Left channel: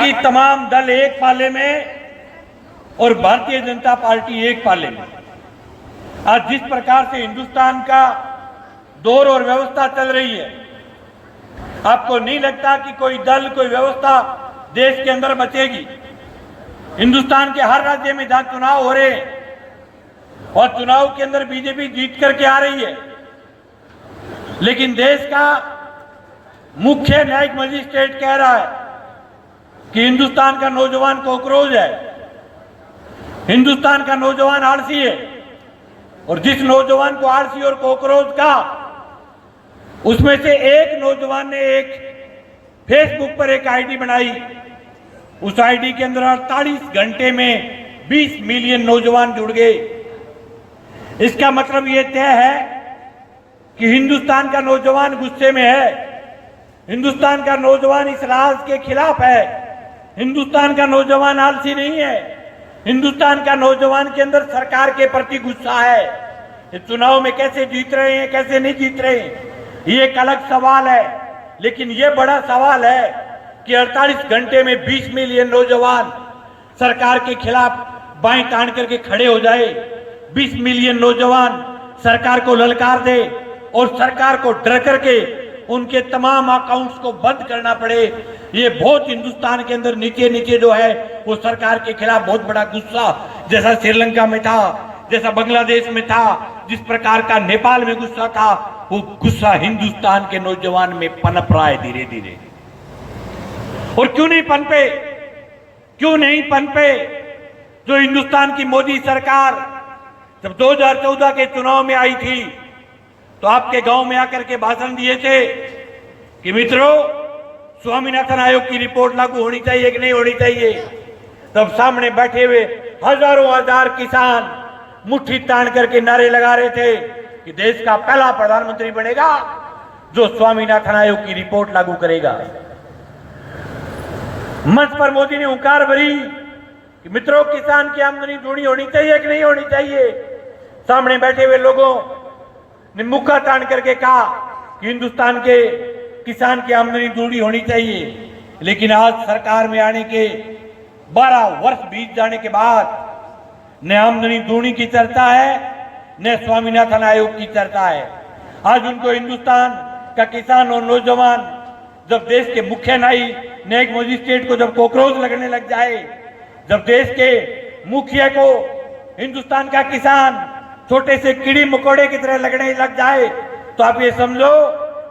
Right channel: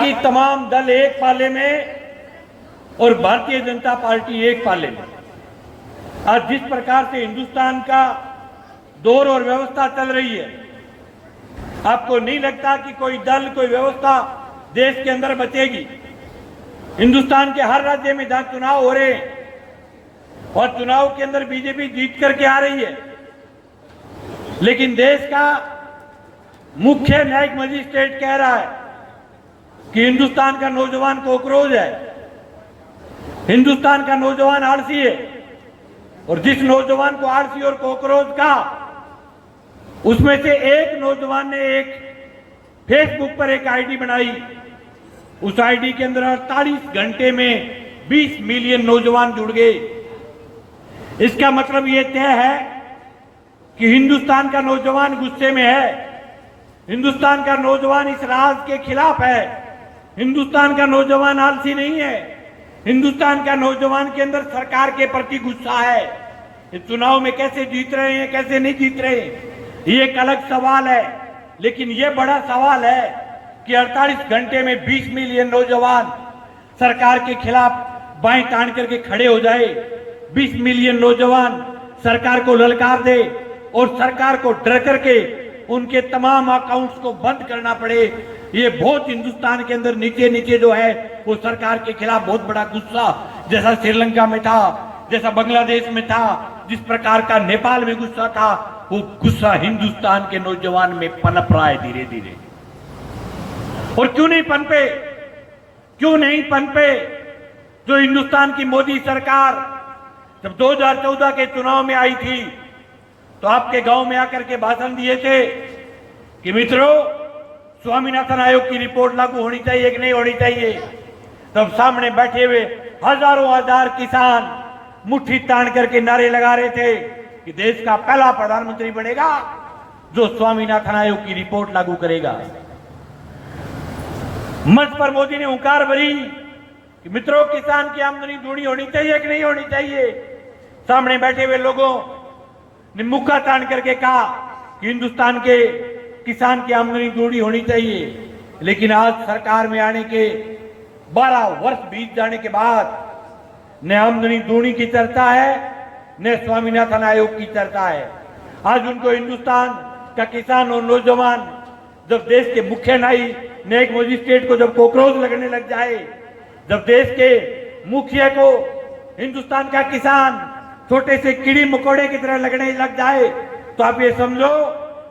बाकी तमाम दल एक पाले में और भारतीय जनता पार्टी एक पाले में। आज जिस प्रकार से हिंदुस्तान का दौर और व्यवस्था चल रही है, आपको नहीं लगता कि कोई दल, कोई व्यवस्था देश के अंदर बचेगी? हिंदुस्तान के हर राज्य में जहां चुनाव हो रहे हैं और चुनाव के अंदर बीजेपी जीत करके आ रही है, लेकिन देश का मुख्य न्यायिक मजिस्ट्रेट कह रहा है कि हिंदुस्तान का नौजवान कॉकरोच है, हिंदुस्तान का नौजवान आलसी है। और जिस नौजवान को आलसी और कॉकरोच का, उसमें से एक नौजवान ने एक फेसबुक पर एक आईडी बनाई। उस आईडी के अंदर 48 घंटे में 20 मिलियन नौजवान जुड़ गए। इसका मतलब ये तय है कि हिंदुस्तान का नौजवान गुस्से में है, हिंदुस्तान का नौजवान इस राज के खिलाफ है, हिंदुस्तान का नौजवान आलसी नहीं है, हिंदुस्तान का नौजवान के अंदर सरकार के प्रति गुस्सा है। ये चुनाव में कैसे जीत रहे हैं, कैसे नहीं जीत रहे हैं, ये एक अलग सवाल है। लेकिन ये बड़ा सवाल है कि 48 घंटे में 20 मिलियन नौजवान सरकार के खिलाफ बाएं तान करके खड़े हो जाए, 20 मिलियन नौजवान सरकार को ललकार दे और सरकार को डर करके उनके तमाम अकाउंट्स को बंद करना पड़े। ये बहुत हिंदुस्तान के अंदर नीचे नीचे जो है वो सरकार के खिलाफ बहुत बड़ा गुस्सा, जैसा श्रीलंका में था, जैसा बांग्लादेश में था, जिस प्रकार का नेपाल में गुस्सा था, वो गुस्सा हिंदुस्तान के नौजवान में पनप रहा है धीरे धीरे। और क्यों नहीं पनपे, क्यों नहीं पनपे? जो हिंदुस्तान की मोदी सरकार जब 2014 के चुनाव में आई थी तो आपके गांव में आकर के भाषण दिए थे कि मित्रों, स्वामीनाथन आयोग की रिपोर्ट लागू होनी चाहिए कि नहीं होनी चाहिए। तब सामने बैठे हुए हजारों हजार किसान मुट्ठी तान करके नारे लगा रहे थे कि देश का पहला प्रधानमंत्री बनेगा जो स्वामीनाथन आयोग की रिपोर्ट लागू करेगा। मंच पर मोदी ने हुंकार भरी कि मित्रों, किसान की आमदनी दोगुनी होनी चाहिए कि नहीं होनी चाहिए। सामने बैठे हुए लोगों ने मुक्का तान करके कहा कि हिंदुस्तान के किसान की आमदनी दोगुनी होनी चाहिए। लेकिन आज सरकार में आने के 12 वर्ष बीत जाने के बाद न आमदनी दोगुनी की चर्चा है, न स्वामीनाथन आयोग की चर्चा है। आज उनको हिंदुस्तान का किसान और नौजवान जब देश के मुख्य न्यायिक मजिस्ट्रेट को जब कॉकरोच लगने लग जाए, जब देश के मुखिया को हिंदुस्तान का किसान छोटे से कीड़ी मकोड़े की तरह लगने लग जाए, तो आप ये समझो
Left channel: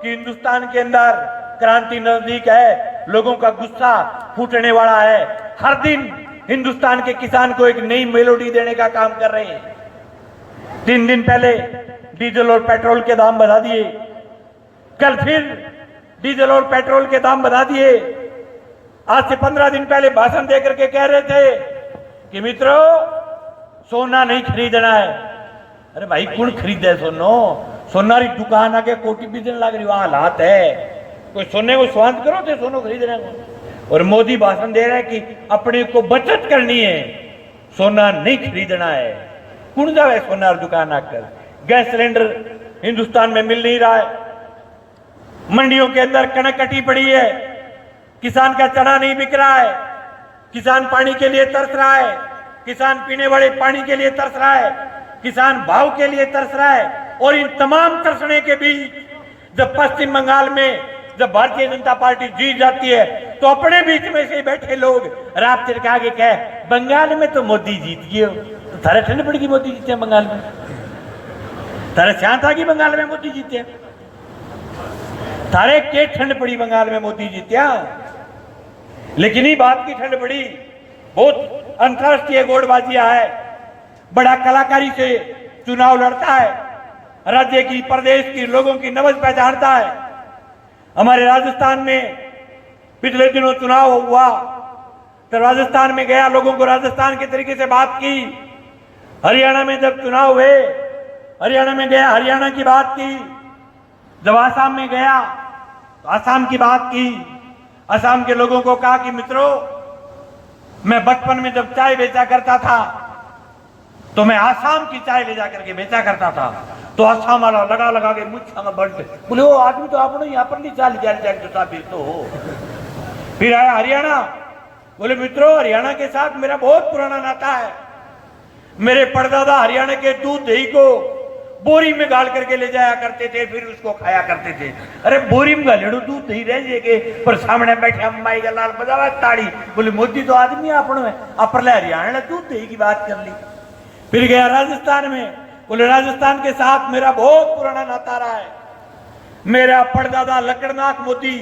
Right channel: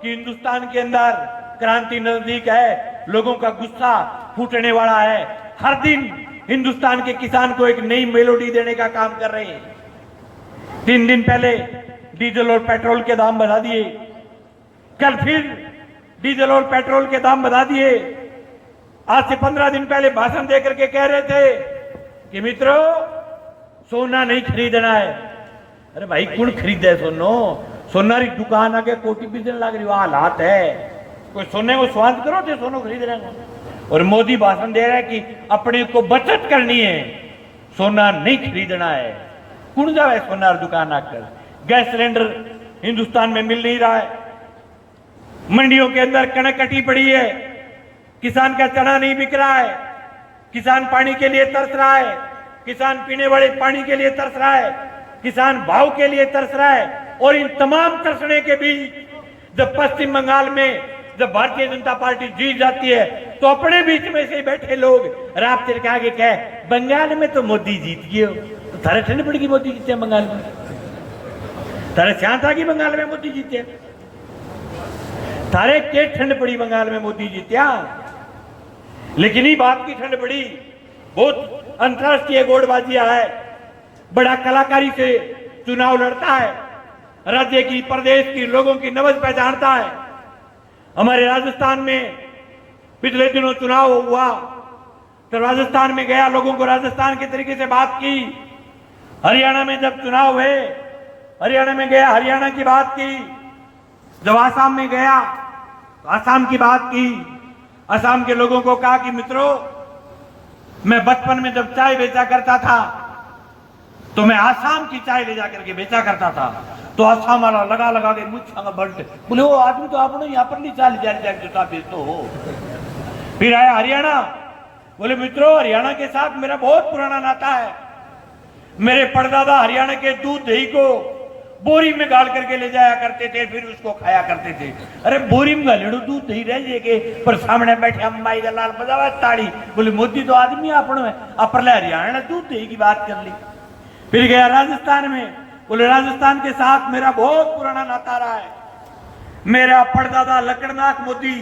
कि हिंदुस्तान के अंदर क्रांति नजदीक है, लोगों का गुस्सा फूटने वाला है। हर दिन हिंदुस्तान के किसान को एक नई मेलोडी देने का काम कर रहे हैं। 3 दिन पहले डीजल और पेट्रोल के दाम बढ़ा दिए, कल फिर डीजल और पेट्रोल के दाम बढ़ा दिए। आज से 15 दिन पहले भाषण देकर के कह रहे थे कि मित्रों, सोना नहीं खरीदना है। अरे भाई, कौन खरीदे सोनो? सोना री दुकान आके कोटी बिजन लग रही हालात है। कोई सोने को स्वांत करो थे सोनो खरीदने को। और मोदी भाषण दे रहा है कि अपने को बचत करनी है, सोना नहीं खरीदना है। कौन जाए सोना दुकान आकर? गैस सिलेंडर हिंदुस्तान में मिल नहीं रहा है, मंडियों के अंदर कनक कटी पड़ी है, किसान का चना नहीं बिक रहा है, किसान पानी के लिए तरस रहा है, किसान पीने वाले पानी के लिए तरस रहा है, किसान भाव के लिए तरस रहा है। और इन तमाम तरसने के बीच जब पश्चिम बंगाल में जब भारतीय जनता पार्टी जीत जाती है तो अपने बीच में से बैठे लोग रात चिरका के कहे बंगाल में तो मोदी जीत गए। तो थारे ठंड पड़ेगी मोदी जीते बंगाल में? थारे शांत आ गई बंगाल में मोदी जीते? थारे के ठंड पड़ी बंगाल में मोदी जीत्या? लेकिन ही बात की ठंड पड़ी, बहुत अंतरराष्ट्रीय गोड़बाजियां है, बड़ा कलाकारी से चुनाव लड़ता है, राज्य की प्रदेश की लोगों की नब्ज पहचानता है। हमारे राजस्थान में पिछले दिनों चुनाव हुआ तो राजस्थान में गया, लोगों को राजस्थान के तरीके से बात की। हरियाणा में जब चुनाव हुए, हरियाणा में गया, हरियाणा की बात की। जब आसाम में गया तो आसाम की बात की। असम के लोगों को कहा कि मित्रों, मैं बचपन में जब चाय बेचा करता था तो मैं आसाम की चाय ले जाकर के बेचा करता था। तो आसाम वाला लगा लगा के मुझे बढ़ते बोले, वो आदमी तो आपने यहाँ पर नहीं चाय ले जाकर बेचो हो। फिर आया हरियाणा, बोले मित्रों, हरियाणा के साथ मेरा बहुत पुराना नाता है। मेरे परदादा हरियाणा के दूध दही को बोरी में गाल करके ले जाया करते थे, फिर उसको खाया करते थे। अरे बोरी में गालेड़ो दूध दही रह जाएगे, पर सामने बैठे अम्बाई का लाल बजावा ताड़ी। बोले मोदी तो आदमी अपनो है, अपने हरियाणा दूध दही की बात कर ली। फिर गया राजस्थान में, बोले राजस्थान के साथ मेरा बहुत पुराना नाता रहा है। मेरा परदादा लकड़नाथ मोदी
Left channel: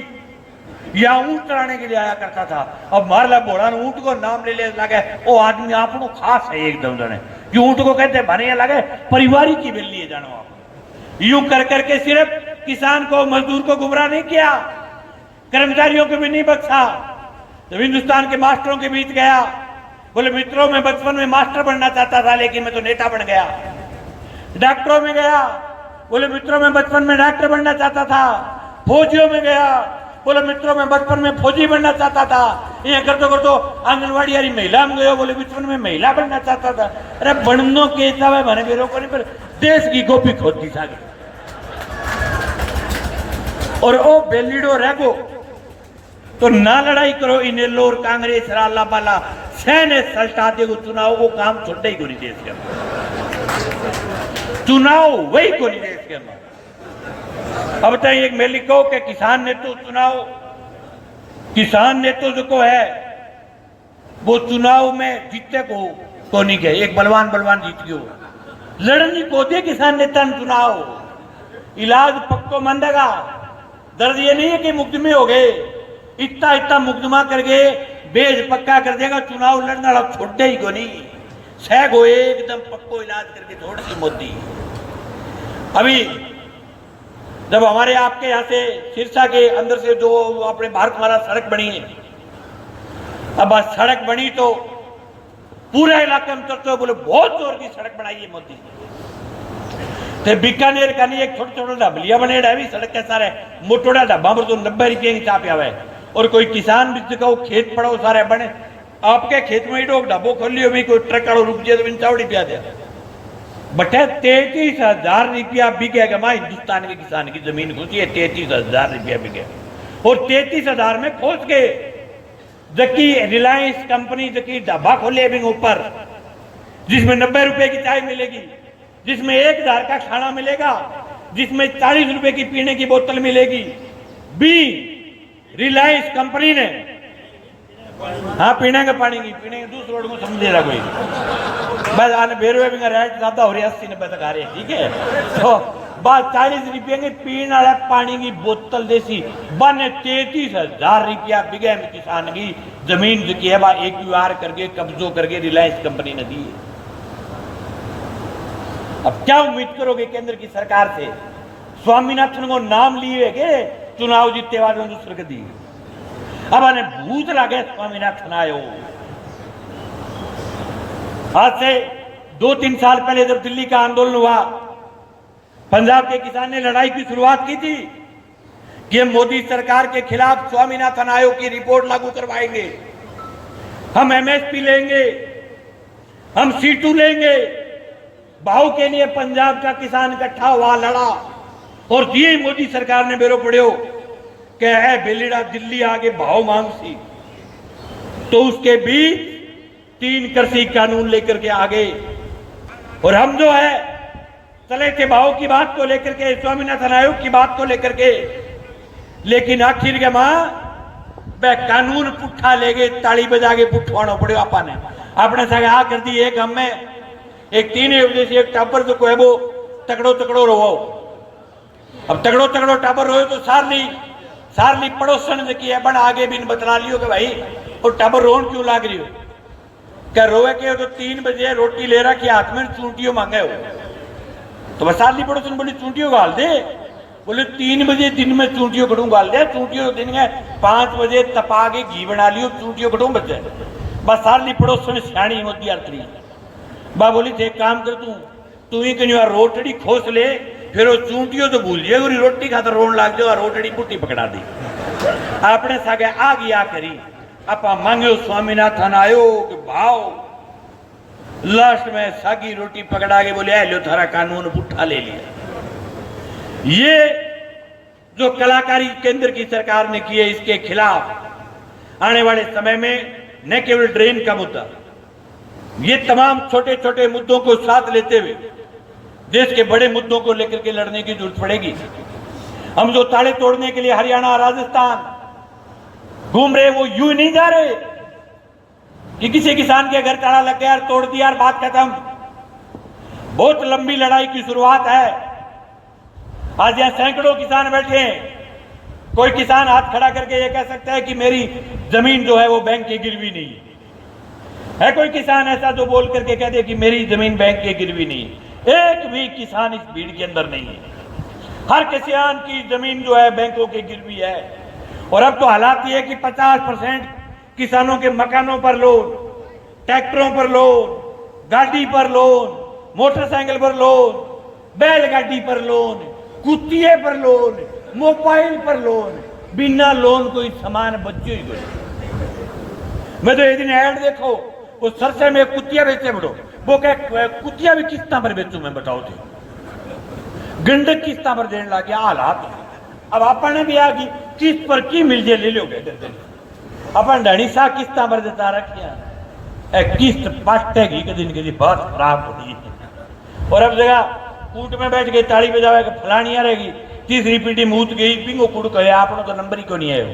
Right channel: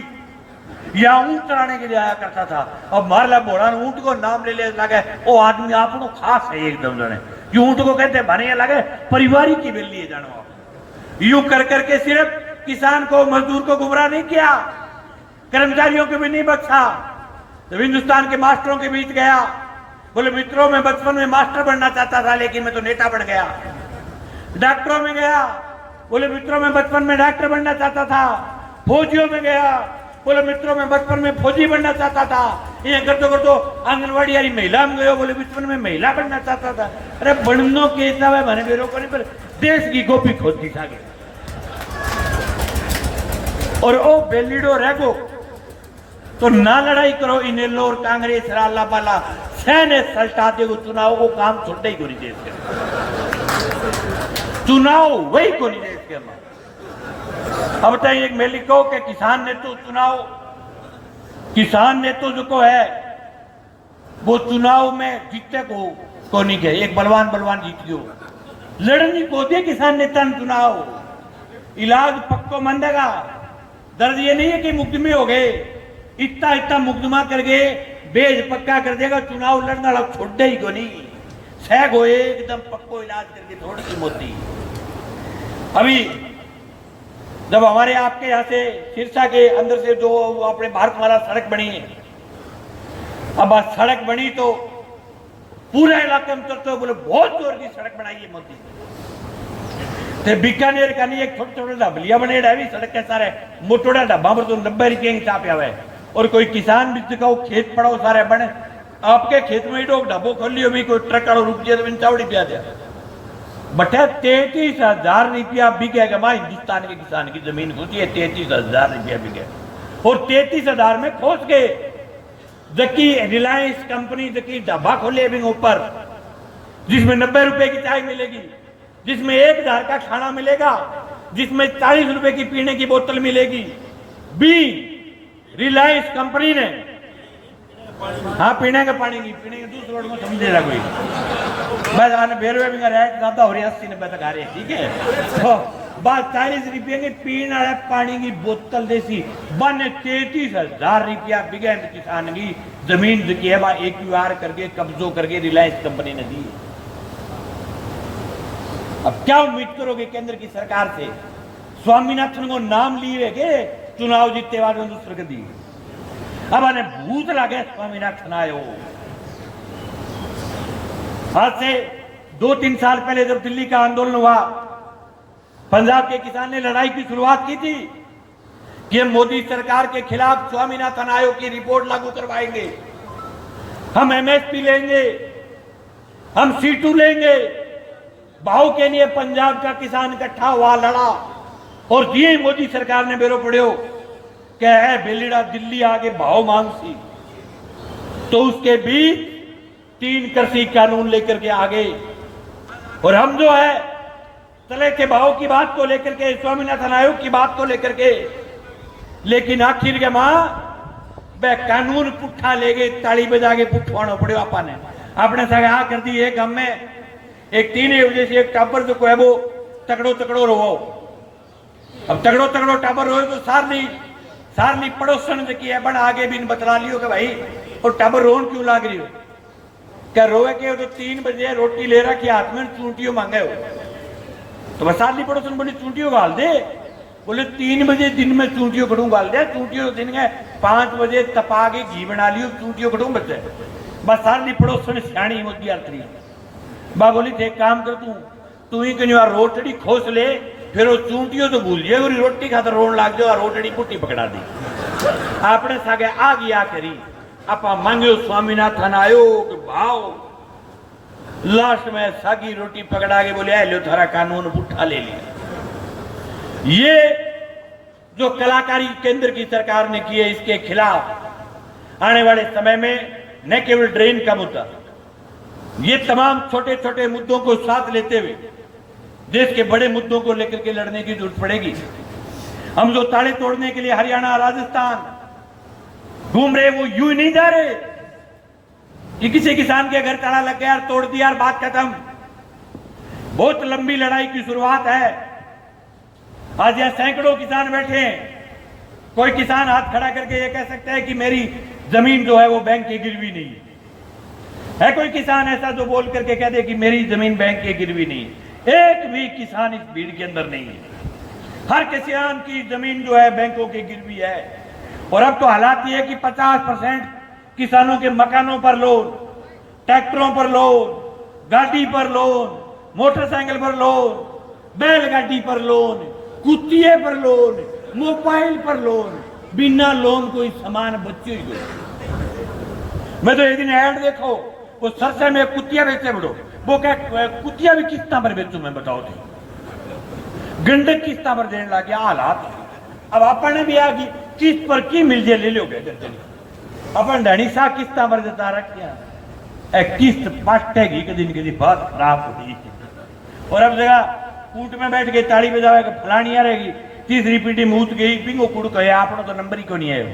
यहाँ ऊंट चढ़ाने के लिए आया करता था, और मारला बोड़ा ऊंट को नाम ले लगे वो आदमी आपनो खास है एकदम जाने। ऊंट को कहते बने लगे परिवारी की बिल्ली है, जानो आप। यूं कर करके सिर्फ किसान को मजदूर को गुमराह नहीं किया, कर्मचारियों को भी नहीं बख्शा। जब हिंदुस्तान के मास्टरों के बीच गया, बोले मित्रों मैं बचपन में मास्टर बनना चाहता था, लेकिन मैं तो नेता बन गया। डॉक्टरों में गया, बोले मित्रों मैं बचपन में डॉक्टर बनना चाहता था। फौजियों में गया, बोले मित्रों मैं बचपन में फौजी बनना चाहता था। ये करतो आंगनवाड़ी यारी महिला में गयो, बोले बचपन में महिला बनना चाहता था। अरे बननो के हिसाब मैंने बेरो करने पर देश की गोपी खोदती था। और ओ बेलीडो रहो तो ना लड़ाई करो, इन्हें लोर कांग्रेस राला बाला सहने सल्टा दे चुनाव को काम छोटे ही कोई देश के चुनाव वही कोई देश के अंदर। अब तक एक मैं लिखो कि किसान ने तो चुनाव, किसान ने तो जो है वो चुनाव में जीते को नहीं गए। एक बलवान जीत गयो, लड़नी को दे किसान नेता चुनाव। इलाज पक्को मंदेगा, दर्द ये नहीं है कि मुकदमे हो गए, इतना मुकदमा करके बेज पक्का कर देगा। चुनाव लड़ने वाला छोड़े ही को नहीं, सह गो एकदम पक्को इलाज करके छोड़ दी मोदी। अभी जब हमारे आपके यहाँ से सिरसा के अंदर से जो अपने भारतमाला सड़क बनी है, अब सड़क बनी तो पूरा इलाके में तो बोले बहुत जोर की सड़क बनाई है मोदी। ते बीकानेर का नहीं एक छोटा ढाबलिया बने भी सड़क के सारे मोटोड़ा ढाबा पर तो 90 रुपये की चाप आवे। और कोई किसान भी को खेत पड़ाओ सारे बने, आपके खेत में ही ढाबो खोल लियो भी, कोई ट्रक वालों रुक जाए तो चावड़ी पिया दिया। बटे 33,000 रुपया बिकेगा मां हिंदुस्तान के किसान की जमीन घुसी है, 33,000 रुपया बिके। और 33,000 में पहुंच गए। जबकि रिलायंस कंपनी जबकि ढाबा खोले अभी ऊपर, जिसमें 90 रुपए की चाय मिलेगी, जिसमें 1,000 का खाना मिलेगा, जिसमें 40 रुपए की पीने की बोतल मिलेगी। बी रिलायंस कंपनी ने हाँ पीने का पानी की पीने दूसरे रोड को समझे रहा कोई बस आने बेरवे भी रह ज्यादा हो रही 80-90 तक आ रही है। ठीक है तो बात 40 रुपये की पीने वाला पानी की बोतल देसी बन 33,000 रुपया बिगे किसान की जमीन जो की है एक्यूआर करके कब्जों करके रिलायंस कंपनी ने दी। अब क्या उम्मीद करोगे केंद्र की सरकार से? स्वामीनाथन को नाम लिए के चुनाव जीतते बाद दूसरे को दी। अब आने भूत लागे स्वामीनाथन आयो। आज से 2-3 साल पहले जब दिल्ली का आंदोलन हुआ, पंजाब के किसान ने लड़ाई की शुरुआत की थी कि हम मोदी सरकार के खिलाफ स्वामीनाथन आयोग की रिपोर्ट लागू करवाएंगे, हम एमएसपी लेंगे, हम C2 लेंगे। भाव के लिए पंजाब का किसान इकट्ठा हुआ, लड़ा और दिए मोदी सरकार ने बेरो पड़ो कि है बेलीड़ा दिल्ली आगे भाव मांग सी। तो उसके बीच 3 कृषि कानून लेकर के आगे और हम जो है चले के भाव की बात को लेकर के, स्वामीनाथन आयोग की बात को लेकर के, लेकिन आखिर के मां वह कानून पुट्ठा ले गए, ताली बजा के पुट्ठवाना पड़े। आपा ने अपने सगा कर दी। एक हम में एक 3 बजे से एक टापर जो है वो तकड़ो रहो। अब तगड़ो टापर रहो तो सारनी पड़ोसन की है बड़ आगे भी बतला लियो कि भाई और टाबर रोन क्यों लाग रही हो? क्या रोवे के तो 3 बजे रोटी ले रहा कि हाथ में चूंटियों मांगे हो तो बस सारनी पड़ोसन बोले चूंटियों गाल दे। बोले 3 बजे दिन में चूंटियों कटू गाल दे। चूंटियों दिन में 5 बजे तपा के घी बना लियो, चूंटियों कटू बचे। बस सारनी पड़ोसन सियाणी होती है। बा बोली थे काम कर तू ही कहीं रोटड़ी खोस ले, फिर वो चूंटियों तो भूल जाए, रोटी खातर रोन लाग जाओ, रोटड़ी पुट्टी पकड़ा दी। आपने सागे आ गया करी आपा मांगे स्वामीनाथन आयोग भाव, लास्ट में सागी रोटी पकड़ा के बोले लो थारा कानून पुट्ठा ले लिया। ये जो कलाकारी केंद्र की सरकार ने की है, इसके खिलाफ आने वाले समय में न केवल ड्रेन का मुद्दा, ये तमाम छोटे छोटे मुद्दों को साथ लेते हुए देश के बड़े मुद्दों को लेकर के लड़ने की जरूरत पड़ेगी। हम जो ताले तोड़ने के लिए हरियाणा राजस्थान घूम रहे वो यूं नहीं जा रहे कि किसी किसान के घर ताला लग गया, तोड़ दिया और बात खत्म। बहुत लंबी लड़ाई की शुरुआत है। आज यहां सैकड़ों किसान बैठे हैं। कोई किसान हाथ खड़ा करके ये कह सकता है कि मेरी जमीन जो है वो बैंक की गिरवी नहीं है। कोई किसान ऐसा जो बोल करके कह दे कि मेरी जमीन बैंक की गिरवी नहीं है? एक भी किसान इस भीड़ के अंदर नहीं है। हर किसान की जमीन जो है बैंकों की गिरवी है। और अब तो हालात ये है कि 50% किसानों के मकानों पर लोन, ट्रैक्टरों पर लोन, गाड़ी पर लोन, मोटरसाइकिल पर लोन, बैलगाड़ी पर लोन, कुत्तिए पर लोन, मोबाइल पर लोन, बिना लोन कोई सामान बच्चे ही कोई। मैं तो एक दिन ऐड देखो, वो सरसे में कुत्तिया बेचे बड़ो, वो क्या कुत्तिया भी किस्ता पर बेचू, मैं बताओ थे गंडक किस्ता पर देने लग गया हालात। अब अपने भी आ गई किस्त पर की मिल जाए ले लोगे, अपन ढणी सा किस्ता पर देता रखिया किस्त पटेगी कदी न कदी बात खराब होगी। और अब जगह कूट में बैठ के ताली बजावे फलानिया रहेगी, तीसरी पीढ़ी मूत गई पिंगो कुड़ कहे आपनो तो नंबर ही को नहीं आयो।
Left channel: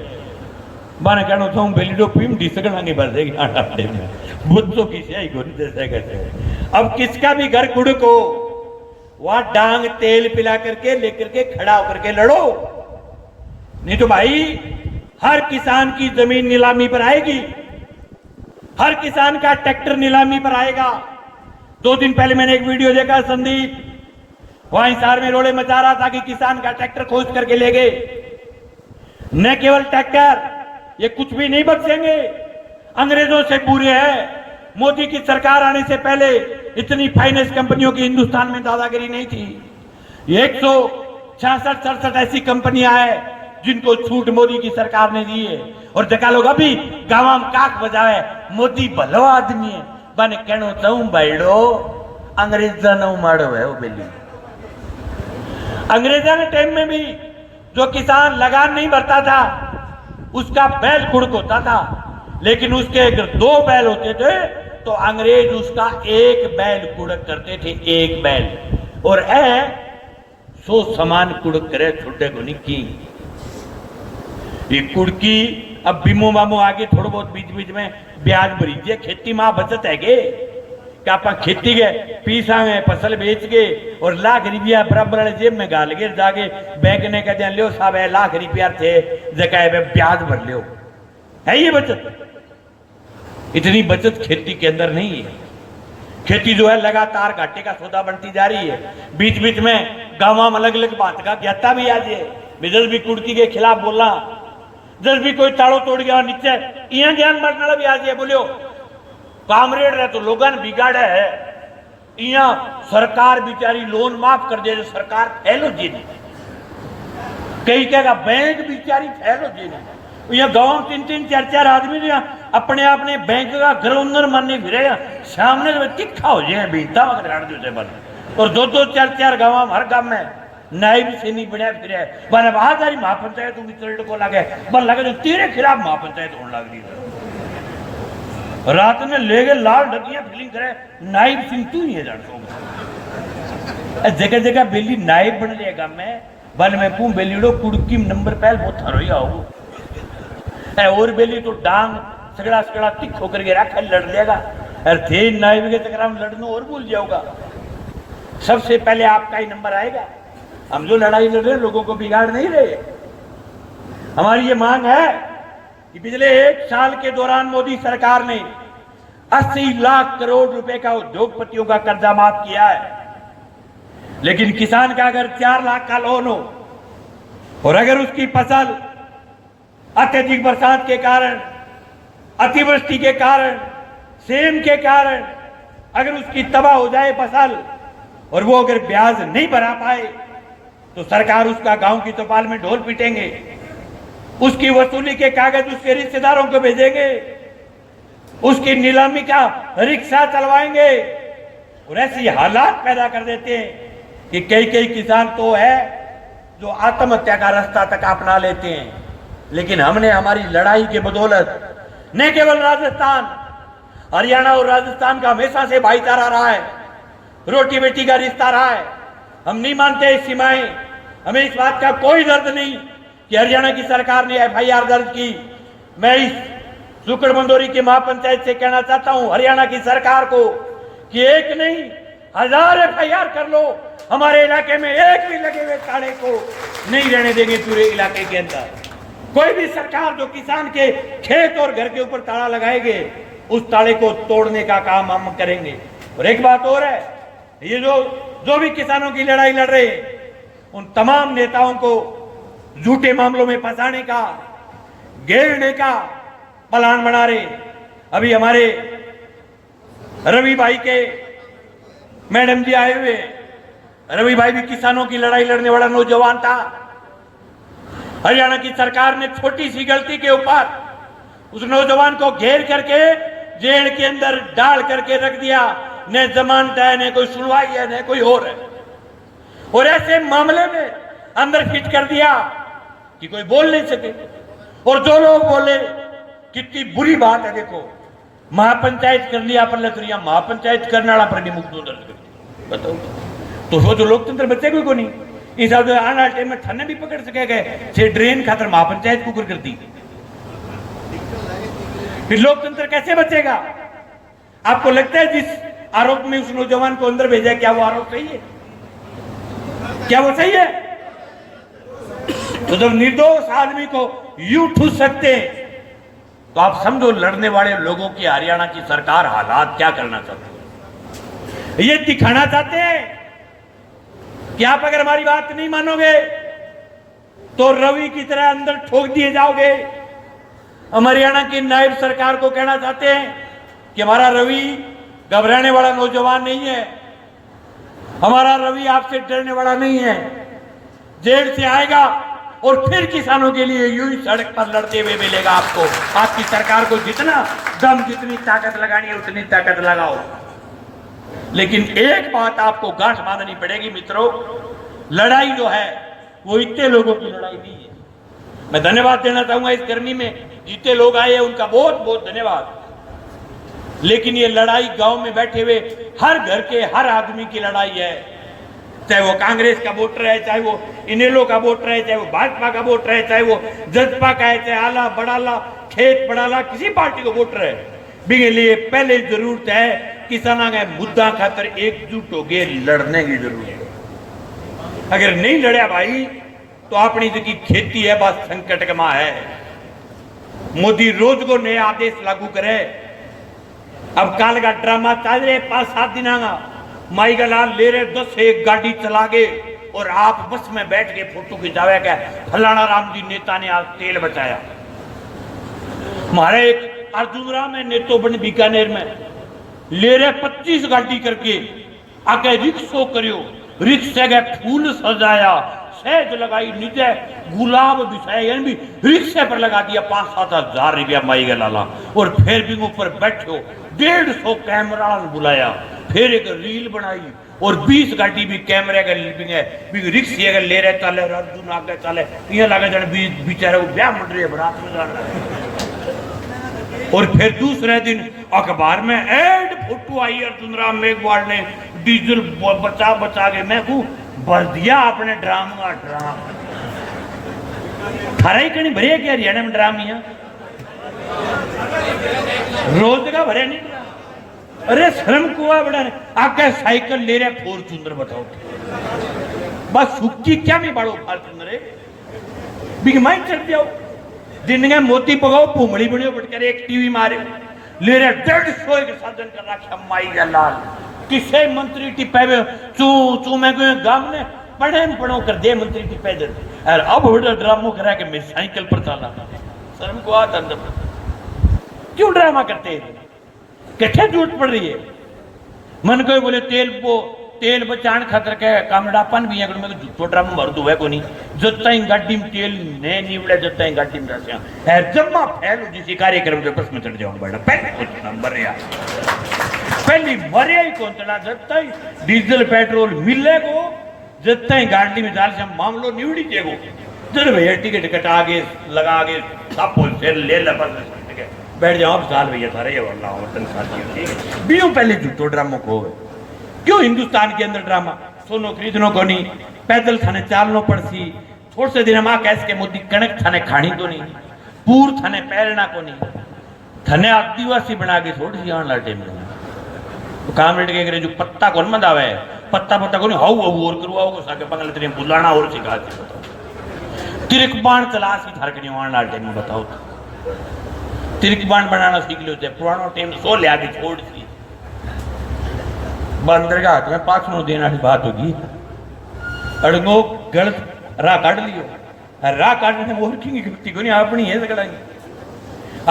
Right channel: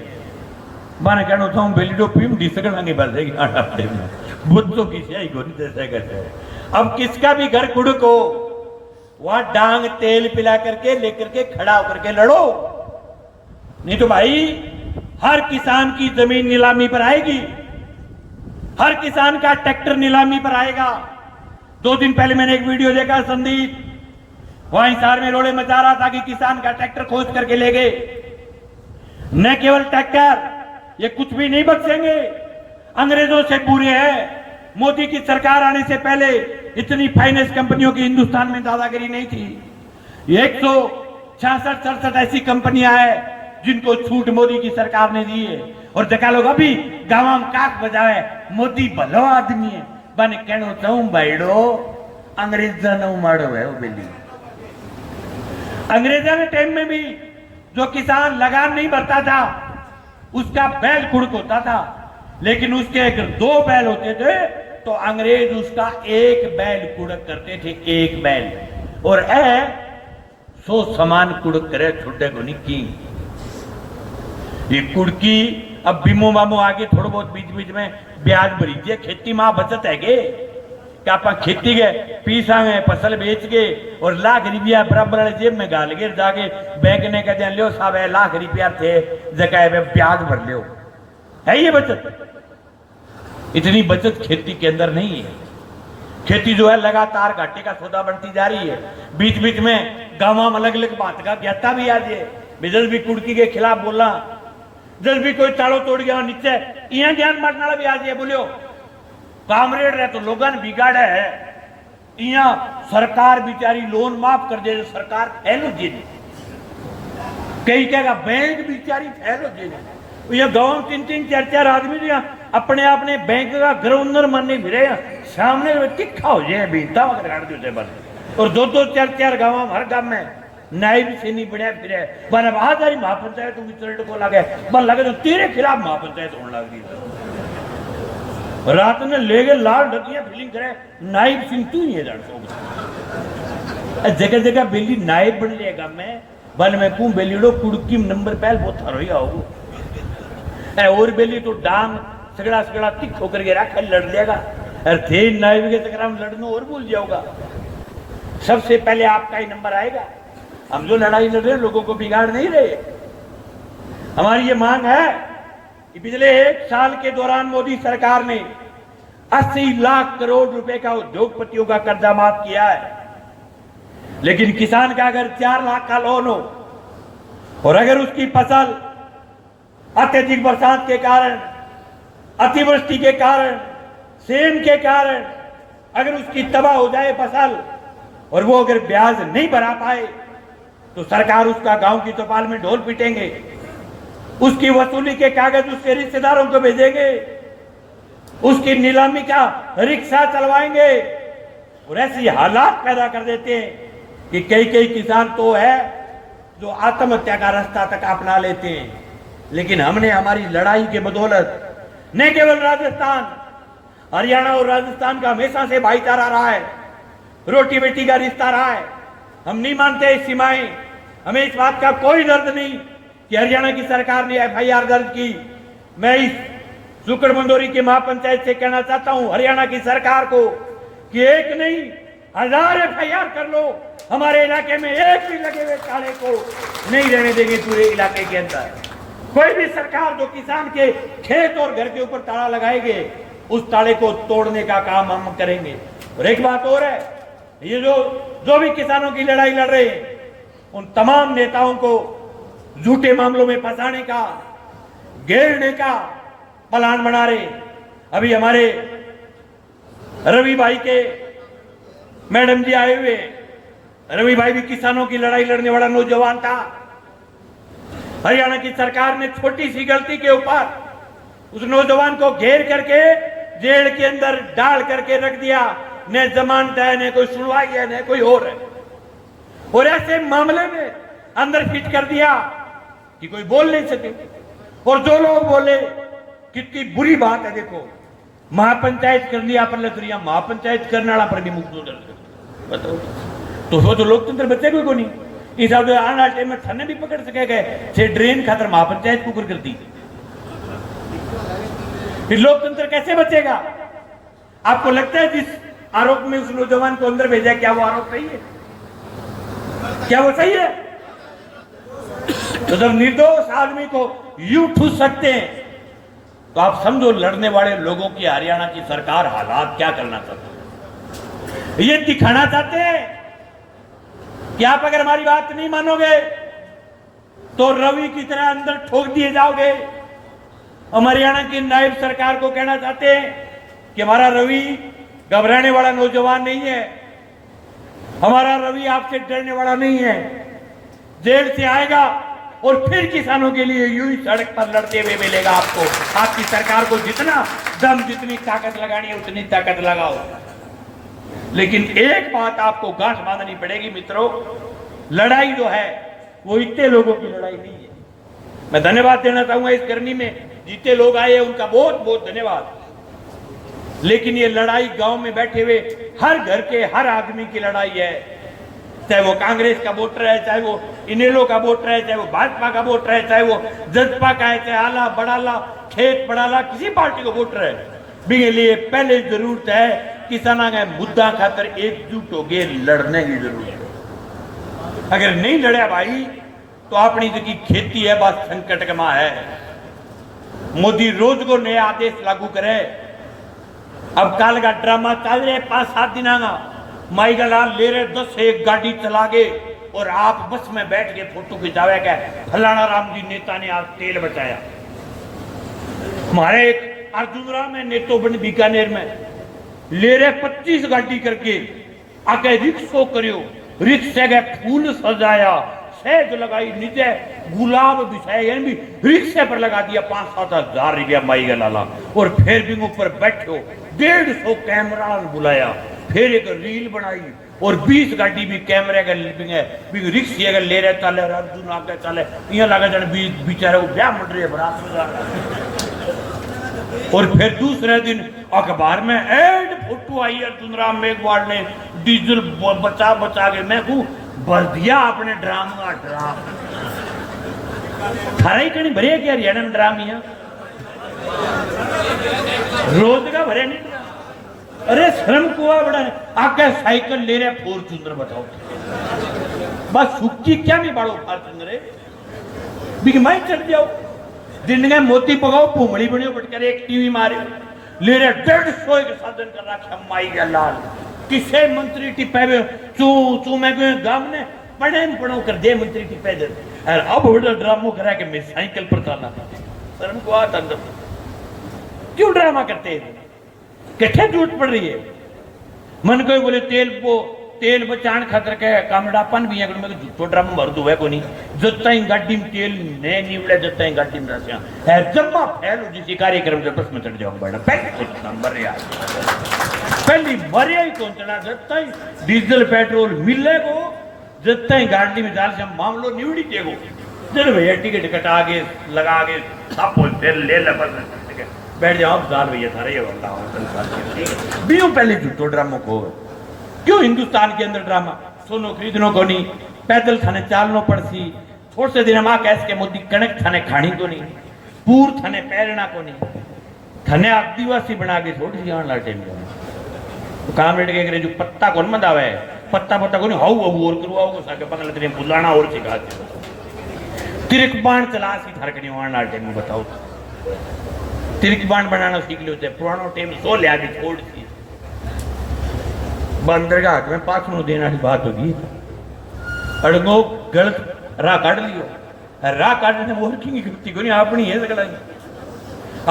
मैंने कहना चाहूँ बेलीडो पीम डिसकड़ांगे भर देगी आटे में बुद्धों की स्याही को नहीं जैसा कहते। अब किसका भी घर कुड़ को वहां डांग तेल पिला करके लेकर के खड़ा होकर के लड़ो, नहीं तो भाई हर किसान की जमीन नीलामी पर आएगी, हर किसान का ट्रैक्टर नीलामी पर आएगा। 2 दिन पहले मैंने एक वीडियो देखा, संदीप वहां हिसार में रोड़े मचा रहा था कि किसान का ट्रैक्टर खोज करके ले गए। न केवल ट्रैक्टर, ये कुछ भी नहीं बख्शेंगे, अंग्रेजों से बुरे हैं। मोदी की सरकार आने से पहले इतनी फाइनेंस कंपनियों की हिंदुस्तान में दादागिरी नहीं थी। 166-67 ऐसी कंपनियां हैं जिनको छूट मोदी की सरकार ने दी है। और जगह लोग अभी गांव में काक बजावे मोदी भलो आदमी है। बने कहना चाहूं भाईडो अंग्रेजा ने मारो है वो बेली। अंग्रेजा के टाइम में भी जो किसान लगान नहीं भरता था उसका बैल कुड़क होता था, लेकिन उसके अगर 2 बैल होते थे तो अंग्रेज उसका 1 बैल कुड़क करते थे, 1 बैल। और 100 समान कुड़क करे छोटे को नहीं की ये कुड़की। अब बीमो मामो आगे थोड़ा बहुत बीच बीच में ब्याज भरीजे, खेती मां बचत है गे कि आप खेती गए पीसा गए फसल बेच गए और लाख रुपया बराबर जेब में गाल गए, जाके बैंक ने कहते हैं लो साहब है लाख रुपया थे जगह में ब्याज भर लो। है ये बचत? इतनी बचत खेती के अंदर नहीं है। खेती जो है लगातार घाटे का सौदा बढ़ती जा रही है। बीच बीच में गांव में अलग अलग बात का ज्ञाता भी आज है, जब भी कुड़की के खिलाफ बोलना, जब भी कोई ताड़ो तोड़ गया नीचे इं ज्ञान मरना भी आज बोलियो कामरेड रहे तो लोगों ने बिगाड़ा है। इं सरकार बेचारी लोन माफ कर दे, सरकार फैलो जी ने कई कहेगा बैंक बेचारी फैलो जी ने। यहाँ गांव में 3-3 4-4 आदमी ने अपने अपने बैंक का गवर्नर मानने फिरे, सामने में तिखा हो जाए बीता बस। और 2-2 4-4 गांव हर गांव में नायब से नहीं बने फिरे बने बाहर महापंचायत को लगे बन लगे तो तेरे खिलाफ महापंचायत होने लग रही। रात में ले गए लाल ढकिया फीलिंग करे नायब सिंह तू ही है जगह जगह बेली नायब बन जाएगा। मैं बन में पू बेलीडो कुड़की नंबर पहल बहुत हरोई आओ और बेली तो डांग सगड़ा सगड़ा तिखो करके रखा लड़ लेगा। और थे नायब के चक्कर में लड़ना और भूल जाओगा। सबसे पहले आपका ही नंबर आएगा। हम जो लड़ाई लड़ रहे लोगों को बिगाड़ नहीं रहे। हमारी ये मांग है कि पिछले 1 साल के दौरान मोदी सरकार ने 80 लाख करोड़ रुपए का उद्योगपतियों का कर्जा माफ किया है, लेकिन किसान का अगर 4 लाख का लोन हो और अगर उसकी फसल अत्यधिक बरसात के कारण, अतिवृष्टि के कारण, सेम के कारण अगर उसकी तबाह हो जाए फसल और वो अगर ब्याज नहीं भरा पाए तो सरकार उसका गांव की चौपाल में ढोल पीटेंगे, उसकी वसूली के कागज उसके रिश्तेदारों को भेजेंगे, उसकी नीलामी का रिक्शा चलवाएंगे। और ऐसी हालात पैदा कर देते हैं कि कई किसान तो है जो आत्महत्या का रास्ता तक अपना लेते हैं। लेकिन हमने हमारी लड़ाई के बदौलत न केवल राजस्थान, हरियाणा और राजस्थान का हमेशा से भाईचारा रहा है, रोटी बेटी का रिश्ता रहा है। हम नहीं मानते इस सीमाएं, हमें इस बात का कोई दर्द नहीं कि हरियाणा की सरकार ने FIR दर्ज की। मैं इस सुकड़ मंदोरी के महापंचायत से कहना चाहता हूं हरियाणा की सरकार को कि एक नहीं 1000 FIR कर लो, हमारे इलाके में एक भी लगे हुए ताले को नहीं रहने देंगे पूरे इलाके के अंदर। कोई भी सरकार जो किसान के खेत और घर के ऊपर ताला लगाएंगे, उस ताले को तोड़ने का काम हम करेंगे। और एक बात और है, ये जो भी किसानों की लड़ाई लड़ रहे हैं, उन तमाम नेताओं को झूठे मामलों में फंसाने का, घेरने का प्लान बना रहे। अभी हमारे रवि भाई के मैडम जी आए हुए, रवि भाई भी किसानों की लड़ाई लड़ने वाला नौजवान था। हरियाणा की सरकार ने छोटी सी गलती के ऊपर उस नौजवान को घेर करके जेल के अंदर डाल करके रख दिया। न जमानत है, न कोई सुनवाई है, न कोई और है। और ऐसे मामले में अंदर फिट कर दिया कि कोई बोल नहीं सके। और जो लोग बोले, कितनी बुरी बात है। देखो, महापंचायत कर लिया पर लखरिया, महापंचायत करने वाला पर भी मुकदमा दर्ज कर, बताओ तो वो जो लोकतंत्र बचेगा को नहीं। इस आने वाले टाइम में थाने भी पकड़ सके गए से ड्रेन खातर महापंचायत कुकर कर दी, फिर लोकतंत्र कैसे बचेगा? आपको लगता है जिस आरोप में उस नौजवान को अंदर भेजा, क्या वो आरोप सही है? क्या वो सही है? तो जब निर्दोष आदमी को यूं ठूस सकते हैं, तो आप समझो लड़ने वाले लोगों की हरियाणा की सरकार हालात क्या करना चाहती है। ये दिखाना चाहते हैं कि आप अगर हमारी बात नहीं मानोगे तो रवि की तरह अंदर ठोक दिए जाओगे। हम हरियाणा की नायब सरकार को कहना चाहते हैं कि हमारा रवि घबराने वाला नौजवान नहीं है, हमारा रवि आपसे डरने वाला नहीं है। जेल से आएगा और फिर किसानों के लिए यूं ही सड़क पर लड़ते हुए मिलेगा आपको। आपकी सरकार को जितना दम, जितनी ताकत लगानी है उतनी ताकत लगाओ। लेकिन एक बात आपको गांठ बांधनी पड़ेगी मित्रों, लड़ाई जो है वो इतने लोगों की लड़ाई नहीं है। मैं धन्यवाद देना चाहूंगा इस गर्मी में जितने लोग आए उनका बहुत बहुत धन्यवाद। लेकिन ये लड़ाई गांव में बैठे हुए हर घर के हर आदमी की लड़ाई है। चाहे वो कांग्रेस का वोटर है, चाहे वो इनेलो का वोटर है, चाहे वो भाजपा का वोटर है, चाहे वो जसपा का है, चाहे आला बड़ाला खेत बड़ाला किसी पार्टी को वोटर है, बिके लिए पहले जरूरत है किसाना का मुद्दा खातर एकजुट हो गए लड़ने की जरूरत है। अगर नहीं लड़े भाई तो अपनी जो की खेती है बस संकट में है। मोदी रोज को नए आदेश लागू करे। अब काल का ड्रामा चल रहे 5-7 दिन माई का लाल ले रहे 10 से 1 गाड़ी चला गए और आप बस में बैठ के फोटो खिंचावे का फलाना राम जी नेता ने आज तेल बचाया। हमारे एक अर्जुन राम ने नेतो बन बीकानेर में ले रहे 25 गाड़ी करके आके रिक्शो करियो, रिक्शे के फूल सजाया, सहज लगाई, नीचे गुलाब बिछाए भी रिक्शे पर लगा दिया 5-7 हजार रुपया माई का लाला। और फिर भी ऊपर बैठो 150 कैमरा बुलाया, फिर एक रील बनाई और 20 गाड़ी भी कैमरे का रिक्शे का ले रहे चले, अर्जुन आगे चले, यहाँ लगा जाने बेचारे वो ब्याह मंड रहे बरात। और फिर दूसरे दिन अखबार में एड फोटो आई अर्जुन राम मेघवाल ने डीजल बचा बचा के मैं भर दिया अपने ड्राम का ड्राम। खरा ही कहीं भरे क्या हरियाणा में ड्राम यहाँ रोज का भरे नहीं। अरे शर्म कुआ बड़ा आके साइकिल ले रहे फॉर्च्यूनर बताओ, बस सुखी क्या नहीं बाड़ो फॉर्च्यूनर बिग माइंड कर दिया। दिन में मोती पकाओ भूमड़ी बनियो बटकर एक टीवी मारे ले रहे 150 के साधन कर रखा माई का लाल। किसे मंत्री टिप्पे में चू मैं गांव ने पढ़े पढ़ो कर दे मंत्री टिप्पे दे और अब बड़ा ड्रामो करा के मैं साइकिल पर चला। शर्म को आता अंदर क्यों ड्रामा करते हैं? कितने जरूरत पड़ रही है? मन को बोले तेल बचाने खातर के कामड़ापन भी है झूठो ड्रामा भर दो है को नहीं जत्ता ही गाड़ी में तेल ने निवड़े जत्ता ही गाड़ी में रसिया है जम्मा फैलो जिस कार्यक्रम के बस में चढ़ जाओ बड़ा पहले नंबर यार पहली मरे ही कौन चला जत्ता ही डीजल पेट्रोल मिले को जत्ता ही गाड़ी में डाल से मामलो निवड़ी देगो चलो भैया टिकट कटा के लगा के सब फिर ले ले बस बैठ जाओ, आप डाल रही है सारे ये वाला वतन साथी, ठीक है। बीओ पहले झूठो ड्रामो को क्यों हिंदुस्तान के अंदर ड्रामा, सोनो खरीदनो को नहीं, पैदल थाने चालनो पड़सी, थोड़े से दिन मां कैस के मोदी कणक थाने खानी तो नहीं, पूर थाने पैरना को नहीं, थाने आदिवासी बना के थोड़ी सी आने लाटे में काम रेट के जो पत्ता कौन मत आवे, पत्ता पत्ता को नहीं हाउ हाउ और करो आओ साके पगल तेरे बुलाना और सिखा दे, तिरकबाण चला सी थार के आने लाटे में बताओ, तिरकबाण बनाना सीख लेते पुरानो टाइम सो ले आके छोड़ दी बंदर का हाथ में पाछनो देना की बात होगी, अड़गो गलत राह काट लियो, राह काटने वो की गलती को नहीं अपनी है सगड़ा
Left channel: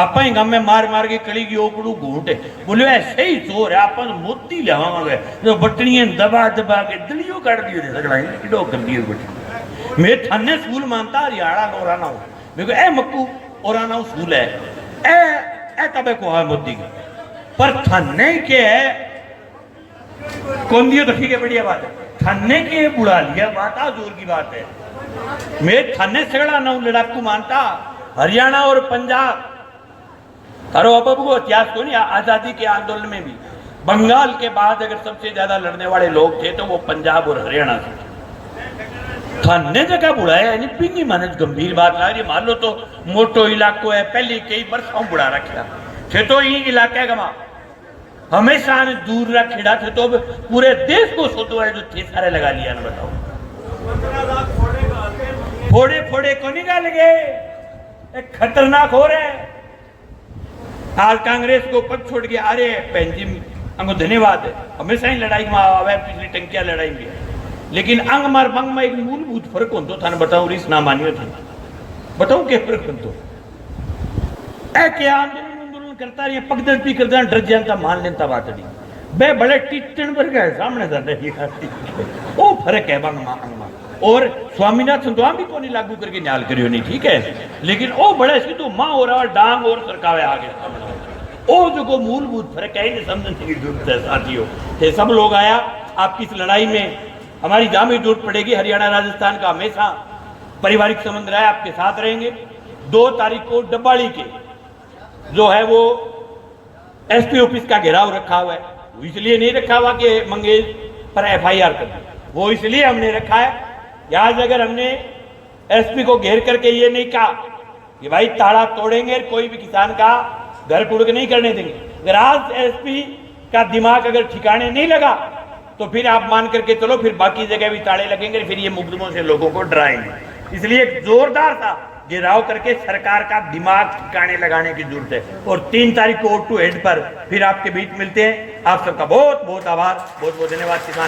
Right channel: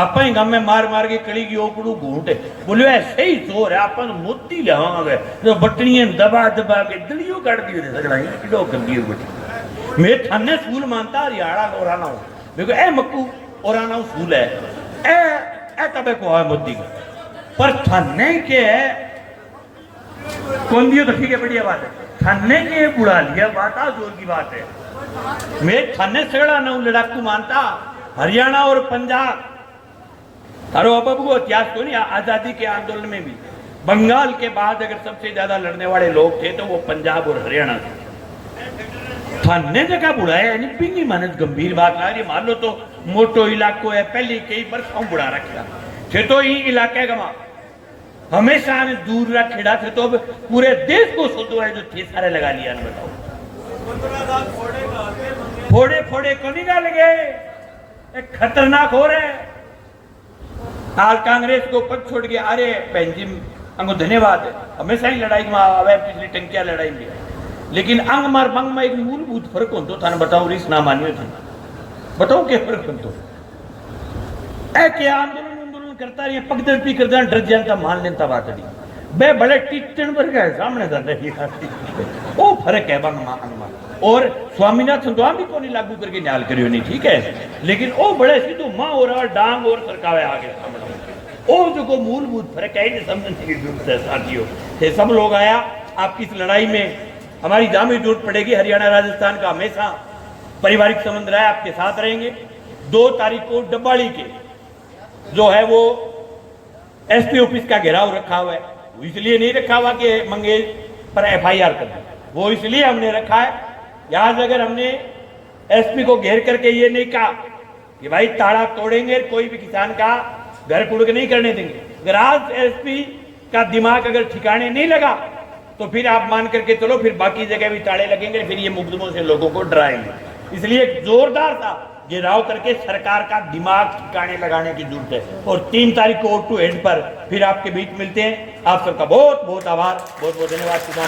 आप ही गम में मार मार के कड़ी की ओपड़ू घूट बोले ऐसे ही जोर है अपन मोती लवावे जो बटनियां दबा दबा के दिलियो काट दियो रे सगड़ा किडो कर दियो बटी मैं थाने स्कूल मानता हरियाणा ओराना हूं मेरे को ए मक्कू ओराना स्कूल है ए तबे को है मोदी का पर थाने के कौन दियो तो ठीक है बढ़िया बात है, थाने के बुला लिया बात आ जोर की बात है, मैं थाने सगड़ा ना लड़ाकू मानता हरियाणा और पंजाब, अरे अब इतिहास को नहीं, आजादी के आंदोलन में भी बंगाल के बाद अगर सबसे ज्यादा लड़ने वाले लोग थे तो वो पंजाब और हरियाणा थे, थाने जगह बुलाया यानी पिंगी मानस गंभीर बात ला रही, मान लो तो मोटो इलाको है पहले कई वर्षों बुला रखा थे तो ये इलाके का हमेशा ने दूर रख खिड़ा थे तो पूरे देश को सोचो है जो थे सारे लगा लिया ना बताओ, फोड़े फोड़े को निकाल गए, एक खतरनाक हो रहे आज कांग्रेस को पद छोड़ के अरे पेंजिम अंग धन्यवाद है, हमेशा ही लड़ाई में आवे पिछली टंकिया लड़ाई में, लेकिन अंग मार बंग में एक मूलभूत फर्क हो तो थाने बताऊं रीस ना मानियो थी बताऊं क्या फर्क हो तो ए क्या आंदोलन करता ये पगदलती करता डर जानता मान लेता बात नहीं बे बड़े टीचन पर गए सामने कर रही वो फर्क है बंग और स्वामीनाथन तो भी तो नहीं लागू करके न्याल करियो नहीं ठीक है, लेकिन वो बड़े सीधो मां और डांग और सरकावे आ गए वो जो को मूलभूत फर्क है इन्हें समझने की जरूरत है साथियों, ये सब लोग आया आपकी इस लड़ाई में हमारी जामी जरूरत पड़ेगी, हरियाणा राजस्थान का हमेशा पारिवारिक संबंध रहा है, आपके साथ रहेंगे। 2 तारीख को डब्बाड़ी के जो है वो एसपी ऑफिस का घेराव रखा हुआ है, इसलिए नहीं रखा हुआ कि मंगेश पर एफआईआर कर दी, वो इसलिए हमने रखा है आज अगर हमने एसपी को घेर करके ये नहीं कहा कि भाई ताला तोड़ेंगे कोई भी किसान का घर कुड़ नहीं करने देंगे, अगर आज एसपी का दिमाग अगर ठिकाने नहीं लगा तो फिर आप मान करके चलो फिर बाकी जगह भी ताले लगेंगे, फिर ये मुकदमों से लोगों को डराएंगे, इसलिए जोरदार था घेराव करके सरकार का दिमाग ठिकाने लगाने की जरूरत है। और 3 तारीख को O2 हेड पर फिर आपके बीच मिलते हैं। आप सबका बहुत बहुत आभार, बहुत बहुत धन्यवाद किसान।